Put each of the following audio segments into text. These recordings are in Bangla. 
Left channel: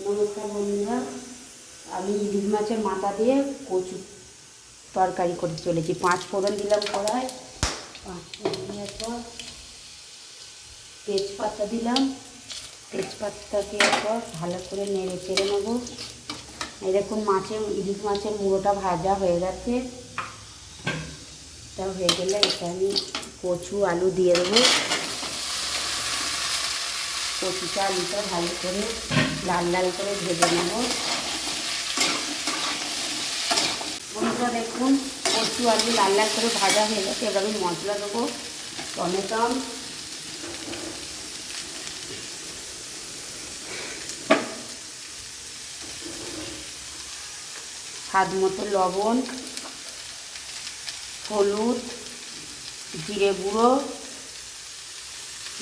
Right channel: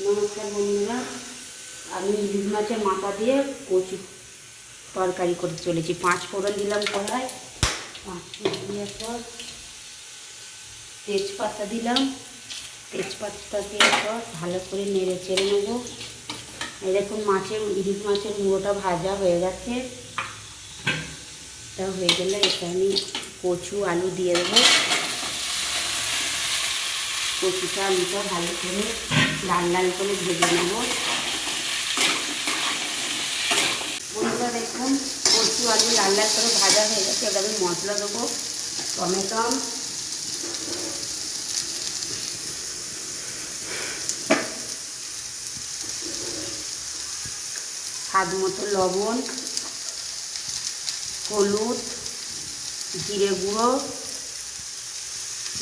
নমস্কার বন্ধুরা, আমি ইলিশ মাছের মাথা দিয়ে কচু তরকারি করে চলেছি। পাঁচ ফোড়ন দিলাম কড়াই পাঁচ ফোড়ন দেওয়ার পর তেজপাতা দিলাম। তেজপাতা দেওয়ার পর ভালো করে নেড়ে চেড়ে নেব। দেখুন মাছের ইলিশ মাছের মুড়োটা ভাজা হয়ে গেছে। এটা হয়ে গেলে এটা আমি কচু, আলু দিয়ে দেবো। কচুটা আলুটা ভালো করে লাল লাল করে ভেজে নেব। বন্ধুরা দেখুন, কচু আলু লাল লাল করে ভাজা হয়ে গেছে। এবার আমি মশলা দেবো, টমেটো। স্বাদ মতো লবণ, হলুদ, জিরে গুঁড়ো,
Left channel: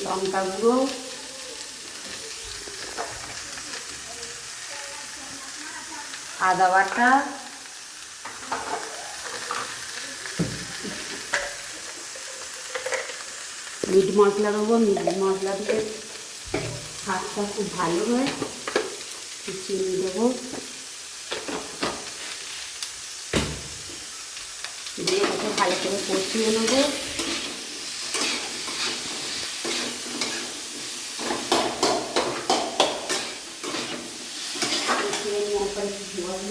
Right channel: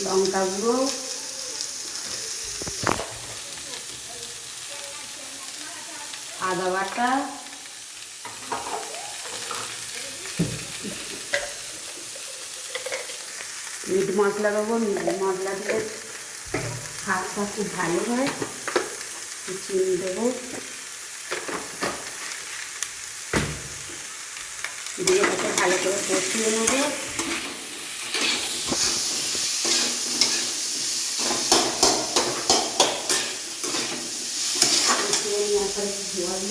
লঙ্কা গুঁড়ো। আদা বাটা। মিট মশলা দেবো, মিট মশলা দিয়ে শাকটা খুব ভালো হয়। চিনি দেবো। দিয়ে ভালো করে কষিয়ে নেব কষিয়ে নেওয়ার পরে একটু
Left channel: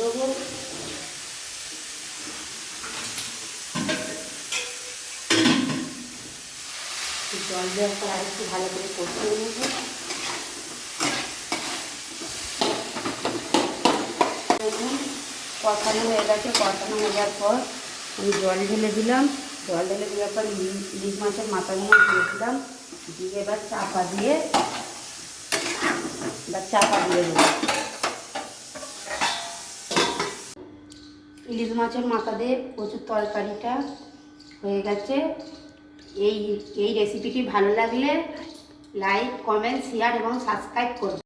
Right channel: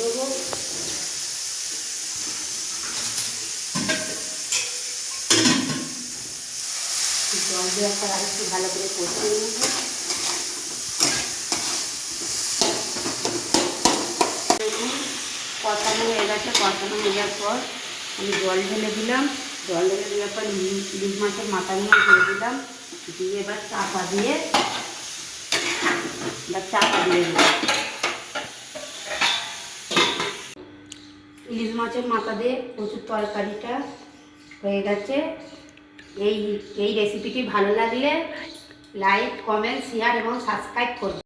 জল দেওয়ার পর আর একটু ভালো করে কষিয়ে নেব। কষানো হয়ে গেছে, কষানো হয়ে যাওয়ার পর আমি জল ঢেলে দিলাম। জল ঢেলে দেওয়ার পর ইলিশ মাছের মাথা নিয়ে দিয়ে দিলাম। দিয়ে এবার চাপা দিয়ে, এবার চাপা দিয়ে দিলাম। ইলিশ মাছের মাথা দিয়ে প্রচুর তরকারিটা হয়ে গেছে। এই এই রেসিপিটি ভালো লাগলে লাইক কমেন্ট শেয়ার এবং সাবস্ক্রাইব করবে।